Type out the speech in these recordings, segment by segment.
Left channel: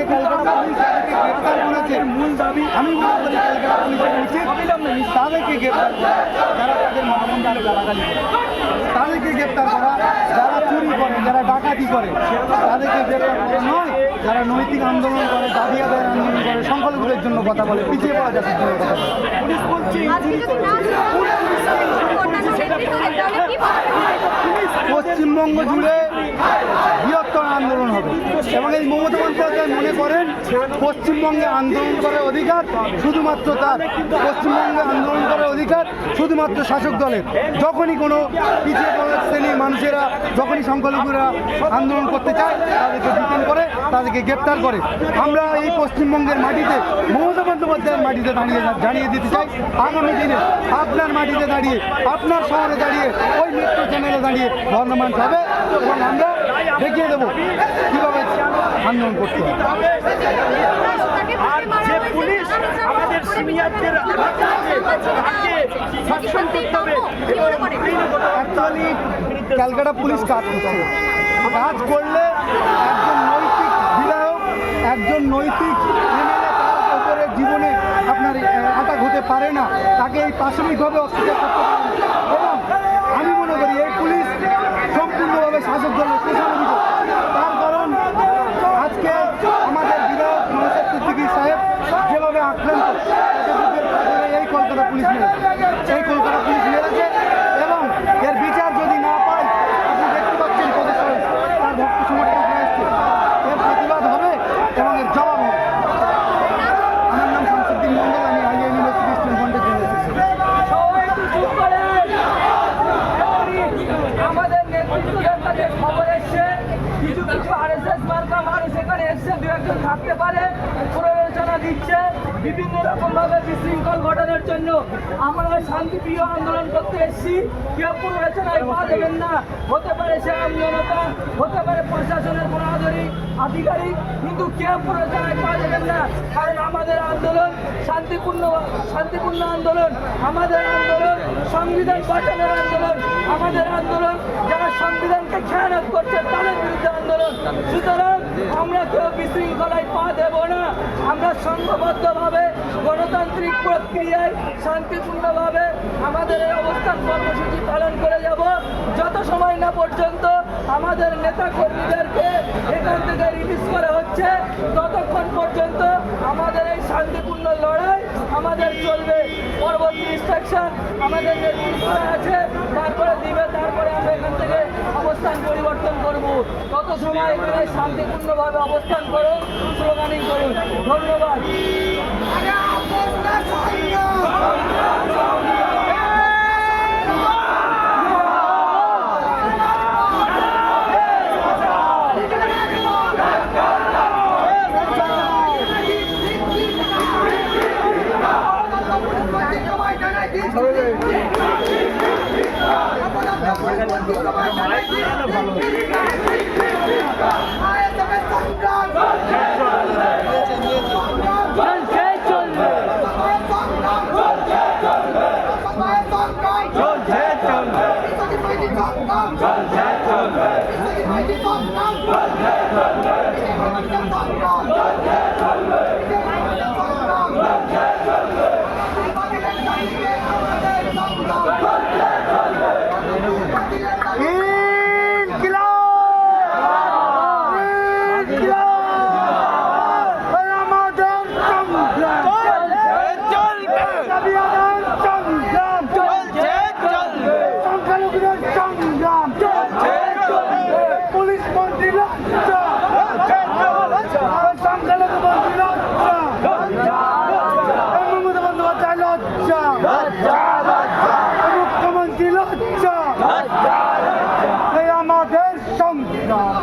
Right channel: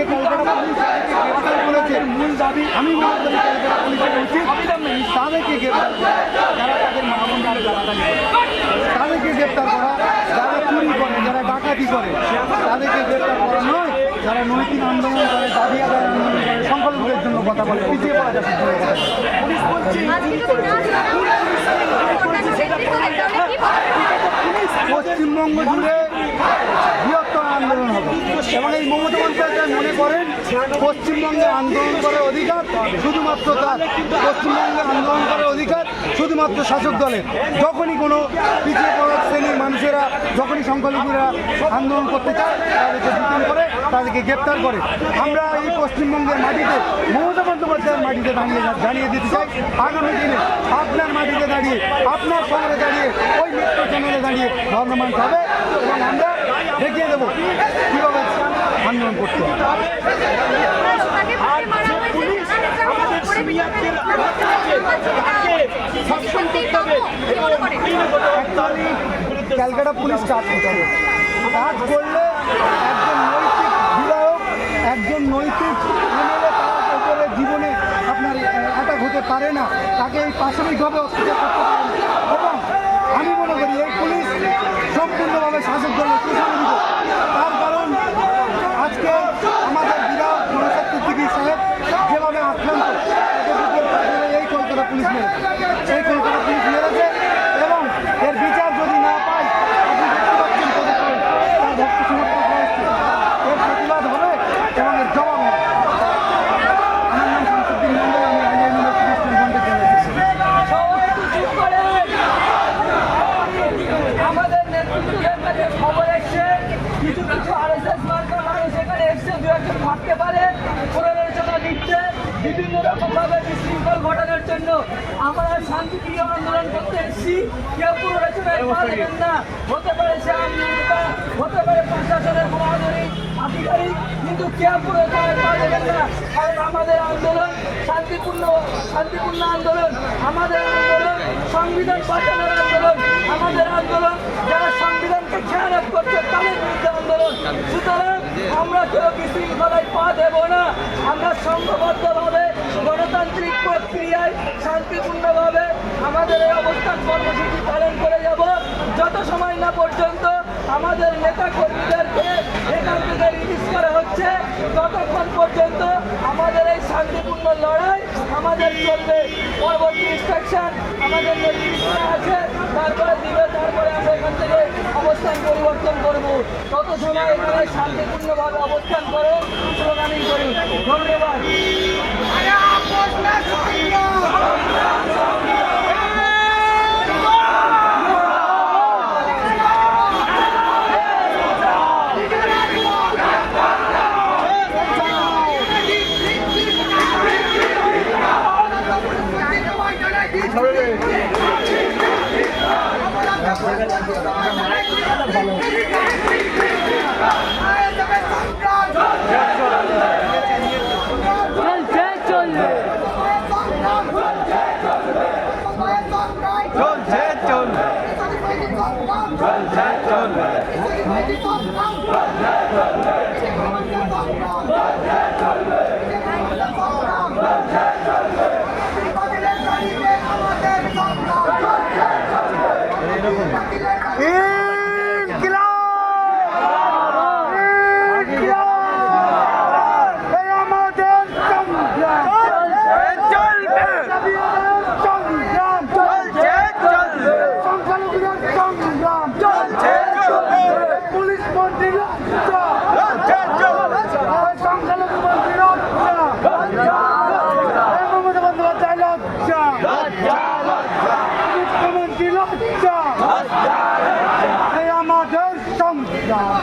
আজকে ক্যালকাটা পুলিশ যাদেরকে গ্রেপ্তার করেছে মূল দাবি আমি মনে করি ক্যালকাটা পুলিশের উচিত তাদেরকে গ্রেপ্তার করা, যারা তাদের মানবন্ধনে গালাগালি করে, তাদেরকে গ্রেপ্তার করা, যারা চুরি করে, যারা ডাকাতি করে তাদেরকে গ্রেপ্তার করা নয়, যারা নৈতিক আন্দোলন করে, দাবি আদায়ের আন্দোলন করে, সংখ্যালঘুদের জন্য কথা বলে, পিছিয়ে পড়া জাতির জন্য কথা বলে। পুলিশ বলছে পশ্চিমবঙ্গ জুড়ে বৃহত্তর আন্দোলন হবে এবং এই মমতা বন্দ্যোপাধ্যায় মনে করেন পশ্চিমবঙ্গে আন্দোলন করার অধিকার শুধুমাত্র তার, পশ্চিমবঙ্গে আন্দোলন করার অধিকার শুধুমাত্র শাসক দলের। যখনই কোনো পিছিয়ে পড়া শ্রেণীর মানুষেরা, যখনই সংখ্যালঘুরা আন্দোলন করতে চায় তাদেরকে ডিটেইন করে, তাদেরকে গ্রেপ্তার করে। আমরা এই পশ্চিমবঙ্গের মাটিতে মমতা বন্দ্যোপাধ্যায়ের মাটিতে দাঁড়িয়ে দিতে চাই আগামী দিনে আপনার মাটিতে দাঁড়িয়ে, আপনার শহরে দাঁড়িয়ে, ওই মেট্রো চ্যানেলে দাঁড়িয়ে গভর্নমেন্ট হবে এবং আমরা দেখিয়ে দেবো কীভাবে আন্দোলন করতে হবে। আর যে পুলিশ আমাদের সিনিয়রদের তাকে শাসন করতে হবে এবং ক্যালকাটা পুলিশ কাজ করতে হবে। কাজ করলে একজন নৈতিক বিধায়ক, একজন নৈতিক এমএলএ তার উপরে জীবনে আপনার অ্যাটাক হতে পারে না, তাকে এই প্রাথমিকভাবে অত্যাচার করতে পারে না। এবং আমি মনে করি এই পুলিশ সম্পূর্ণভাবে শাসক দলের পেছনে। তার কারণ আজকে আমাদের বিধায়ক নওশাদ সিদ্দিকী সাহেব যেভাবে আক্রান্ত, এই কলকাতা পুলিশ মেরেছে, এই কলকাতা পুলিশ মেরেছে এবং এর বিচার যদি না পায়, আপনি দেখতে পাচ্ছেন কতক্ষণ তার ভক্ত সমর্থক হয়েছে, এর প্রতিবাদ হবে এবং এর জবাব হবে। আমার নাম শামসুদ্দিন মন্ডল, আমি আলিয়া ইউনিভার্সিটি স্টুডেন্ট ফ্রন্টের জেনারেল সেক্রেটারি। আমাদের নেতৃত্বের কাছে খবর এসছে কিছু কিছু আরএসএস মার্কা মানুষ এখানে এসছে, দু একজন থাকতে পারে, প্ররোচনা দিচ্ছে বিভিন্ন রকম ভাবে বিশৃঙ্খল ঘটানোর জন্য। আমরা শান্তিপ্রিয় আন্দোলন করতে এসেছি, কেউ প্ররোচনায় পা দেবেন না। হতে পারে সে আমজনতা, হতে পারে প্রশাসনের কোনো আধিকারিক, কিন্তু কেউ প্ররোচনায় পা দেবেন না। কারণ আমাদের আন্দোলন শান্তিপূর্ণ আন্দোলন, আমাদের আন্দোলন সংবিধান বাঁচানোর আন্দোলন, আমাদের আন্দোলন যারা সংবিধানকে খেয়ানত করছে তাদের বিরুদ্ধে আন্দোলন। সুতরাং আমরা কেউ বিশৃঙ্খলায় পা দেব না। আমরা সংঘবদ্ধভাবে গণতান্ত্রিক প্রক্রিয়ায় শান্তিপূর্ণভাবে আমাদের এই অবস্থান কর্মসূচি পালন করে যাব যত সময় না পর্যন্ত আমাদের নেতা কর্মীদেরকে এখান থেকে রিলিজ করা হচ্ছে, ততক্ষণ পর্যন্ত আমাদের এই শান্তিপূর্ণ লড়াই আমাদের চলবে। পরবর্তী ইনস্ট্রাকশন আমাদের নেতৃত্বে আছে, তারপরে দিবে, তারপরে আমরা এখান থেকে অবস্থান পরিবর্তন করব। তত সময় এখানে শান্তিপূর্ণভাবে অবস্থান করুন, স্লোগানিং করুন। ধন্যবাদ।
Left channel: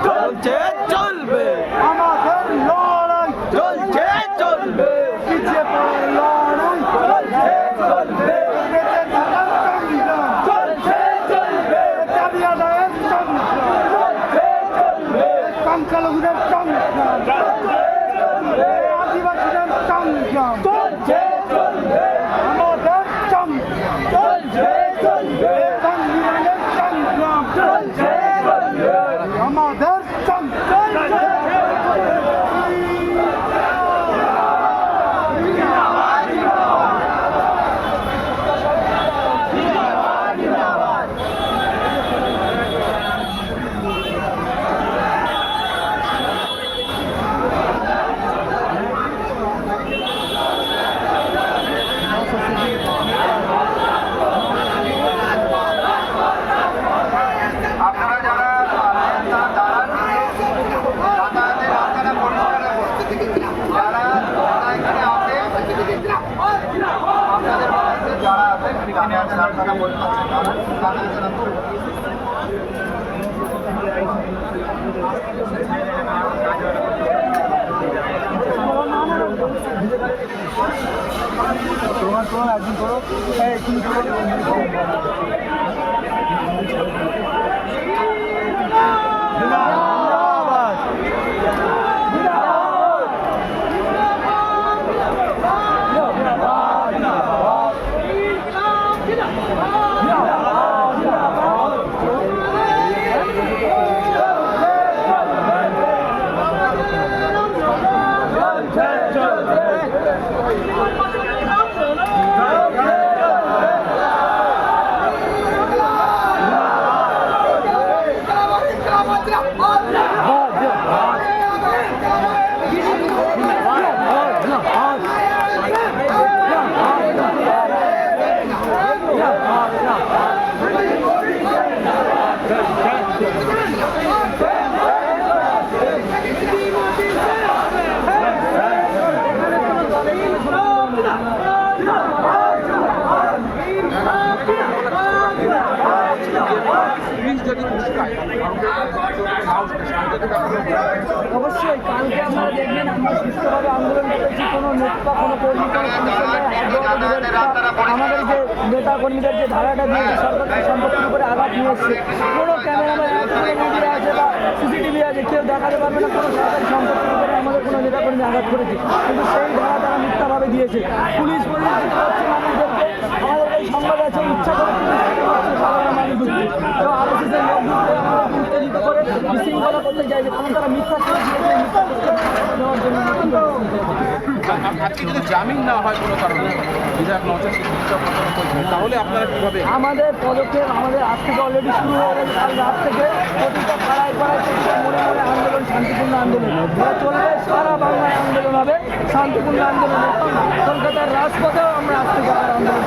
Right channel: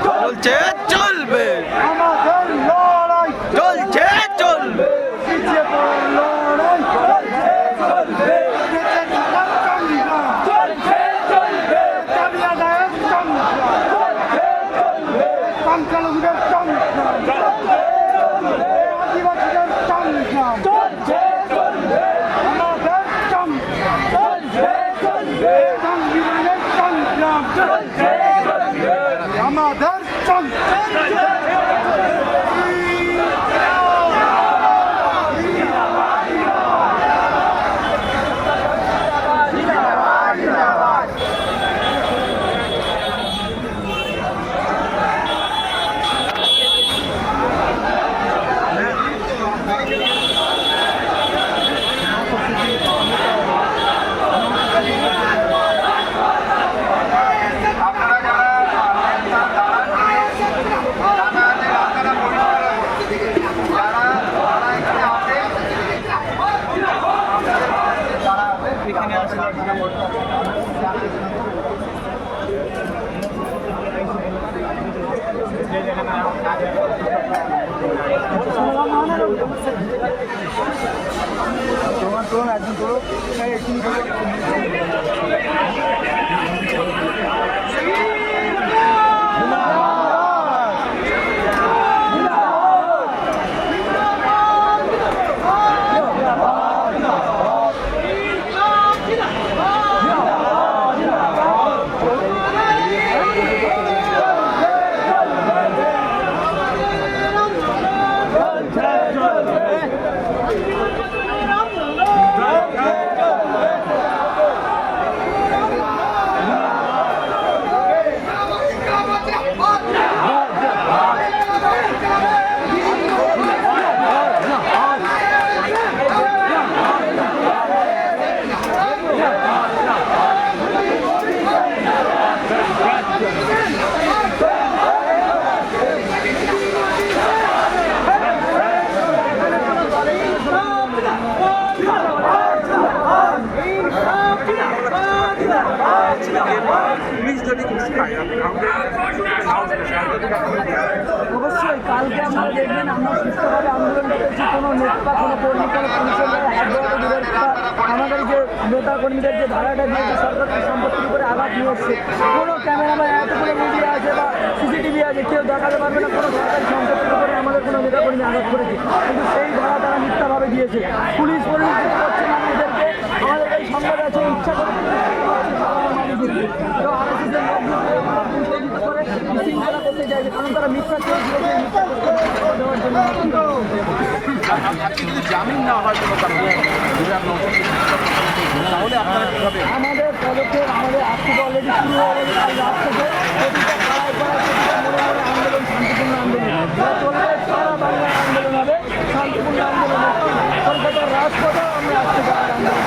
চলছে চলবে, আমাদের লড়াই চলছে চলবে, লড়াই চলছে চলবে, চলছে চলবে, দাবি আদায়ের সংগ্রাম চলছে চলবে, সংখ্যালঘুদের সংগ্রাম চলছে চলবে, আদিবাসীদের সংগ্রাম চলছে চলবে, আমাদের সংগ্রাম আপনারা যারা যাতায়াতের রাস্তাটা পরিষ্কার যারা এখানে আসে এখানে আসে রাস্তাটা তোমার একদিন করো এই তুমি করো অবশ্যই কালকে আপনারা দেখবেন আমরা সুস্থভাবে আন্দোলন করেছি। কোনো নেতা কোনো কর্মী কোনো পুলিশের গায়ে হাত দেওয়াটা দূরের কথা, আমাদের যে নেতা কর্মীদের যে ভাড়াটা দিয়েছে সরকারি সম্পত্তির উপরে আঘাত নিয়ে এসছে। কোনো ক্যামেরাম্যান এতগুলো মিডিয়া আছে বা সিসিটিভি আছে, কেউ দেখাতে পারবে না কোনো সরকারি সম্পত্তির উপরে আমাদের কোনো নেতা কর্মী আঘাত করেছে। কিন্তু সেই ধারা তারা মিথ্যাভাবে দিয়েছে। পুলিশ করছে মানুষদেরকে, আমাদের এই সংবাদ আছে ইচ্ছা করে পুলিশ সাধারণ মানুষদেরকে। তো আরএসএসের লোক ঢুকলে আমাদের উত্তেজিত করে বিশৃঙ্খলা করতে চাইছে, কারণ তারা মিথ্যা খেয়ে দিয়েছে। মিথ্যা দেওয়ার জন্য আমাদের পদক্ষেপ আমাদের আজ থেকে অলরেডি শুরু হয়ে গেছে। কাল রাত থেকে প্রতিটা পাড়ায় পাড়ায় প্রতিটা মোড়ে মোড়ে আন্দোলন, শান্তিপূর্ণ আন্দোলন এটা চলবে। সারা বাংলায় আন্দোলন হবে, শান্তিপূর্ণ আন্দোলন। কলকাতার রাজপথেও আমরা আজ থেকে আন্দোলন